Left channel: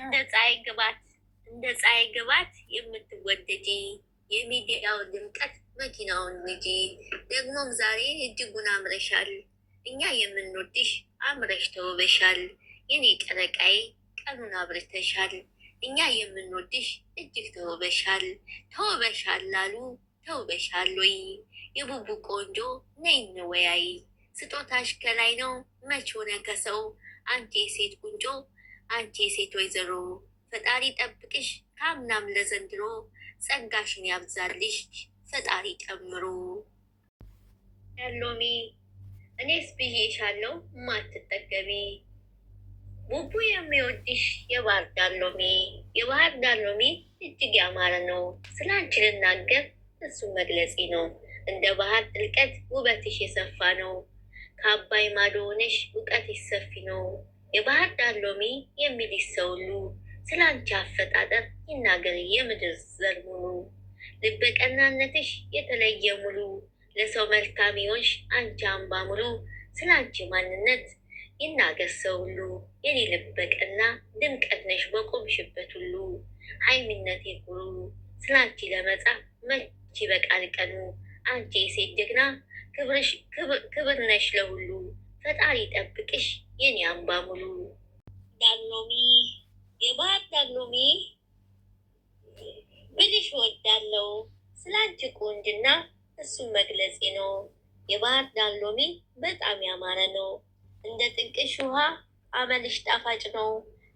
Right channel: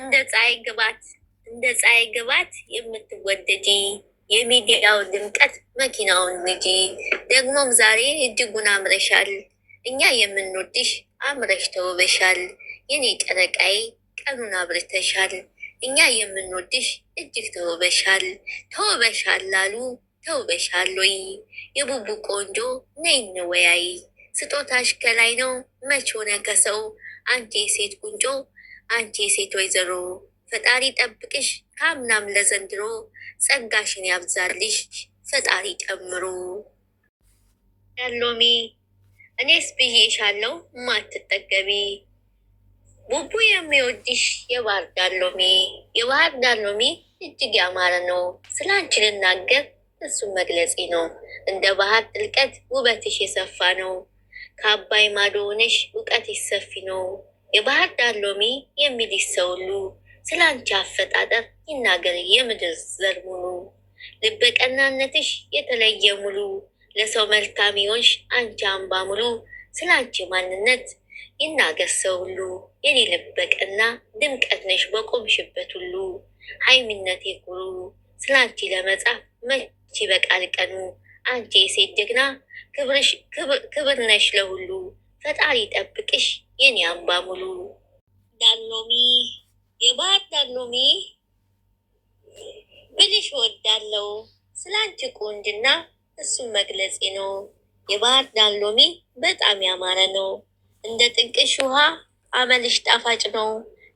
እንደ ፀሐይ ግባት የምትወደጂ የሚዲያው ድምቀት መኪናውን ንጂ። ደግሞም ዛሬ እጅጉን አምረሻል። እኛ የምንወድሽ አምረሽ ተውበሻል። የኔ ጨረቃዬ ቀኑን አብርተሻል። እኛ የምንወድሽ እጅግ ተውበሻል። ተውበሻል ላሉ ተውበሻል ወይ? የቡቡ ቆንጆ ነይ እንወያይ። ስጦታሽ ከላይ ነው መች ሆነ ከሰው? አንቺ የሴት ቁንጮ አንቺ የሴት ወይዘሮ ፈጣሪ ጠብቅሽ ከአምናም ለዘንድሮ ጸጋሽን ያብዛልሽ ፈጣሪ ጨምሮ። ዳሎሚ እኔስ ብዬሻለው ማትጠገቢ ቡቡ የሚወድሽ የባህር ዳሎሚ። የባህር ዳሎሚ እጅግ ያማረ ነው። ስለ አንቺ ልናገር እሱም መግለጼ ነው። እንደ ባህር ጥልቀት ውበትሽ የሰፋ ነው። ከአባይ ማዶ ሆነሽ እውቀትሽ ሰፊ ነው። የባህር ዳሎሚ የሚልሽ ሰው ሁሉ ስለ አንቺ አፈጣጠር ይናገር የምድር ዘር ሙሉ። ልበቀናነትሽ የተለየ ሙሉ ለሰው መልካም ይሆንሽ አንቺ አምባ ሙሉ። ስለ አንቺ ማንነት ይናገር ሰው ሁሉ የኔ ልበቀና ድምቀት ነሽ በቆምሽበት ሁሉ። ሀይሚነቴ ኩሩ ስለ አንቺ ለመጻፍ መች በቃል ቀኑ። አንቺ የሴት ጀግና ክብር ነሽ ለሁሉ ፈጣሪ ጠብቅሽ የኔ አምባ ሙሉ። ዳሎሚ የባህር ዳሎሚ ብልሽ ወዳለው ስለ አንቺ ቁንጅና እሱም መግለጼ ነው። የባህር ዳሎሚ በጣም ያማረ ነው። እንደ ጥንቅሽ ውሃ አመልሽ ጣፋጭ ነው።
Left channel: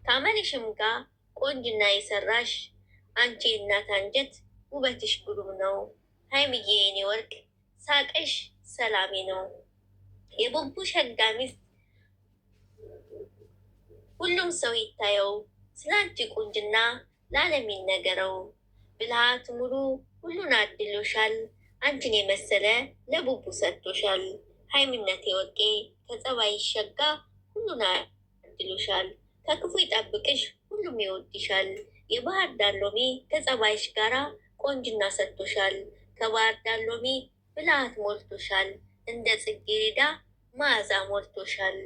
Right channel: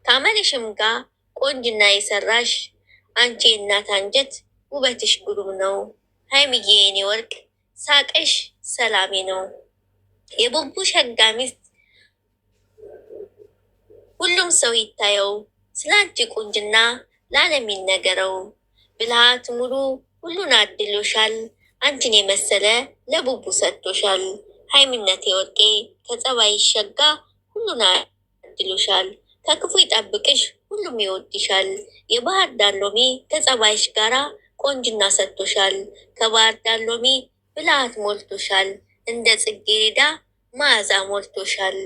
ከአመልሽም ጋር ቆንጅና የሰራሽ አንቺ የእናት አንጀት ውበትሽ ግሩም ነው። ሀይምዬ የኔ ወርቅ ሳቅሽ ሰላሜ ነው። የቡቡ ሸጋ ሚስት ሁሉም ሰው ይታየው። ስለ አንቺ ቁንጅና ለዓለም ይነገረው። ብልሃት ሙሉ ሁሉን አድሎሻል። አንቺን የመሰለ ለቡቡ ሰጥቶሻል። ሀይሚነቴ ወርቄ ከጸባይ ሸጋ ሁሉን አድሎሻል። ከክፉ ይጠብቅሽ ሁሉም ይወድሻል። የባህር ዳሎሚ ከጸባይሽ ጋራ ቆንጅና ሰጥቶሻል። ከባህር ዳሎሚ ብልሃት ሞልቶሻል። እንደ ጽጌረዳ መዓዛ ሞልቶሻል።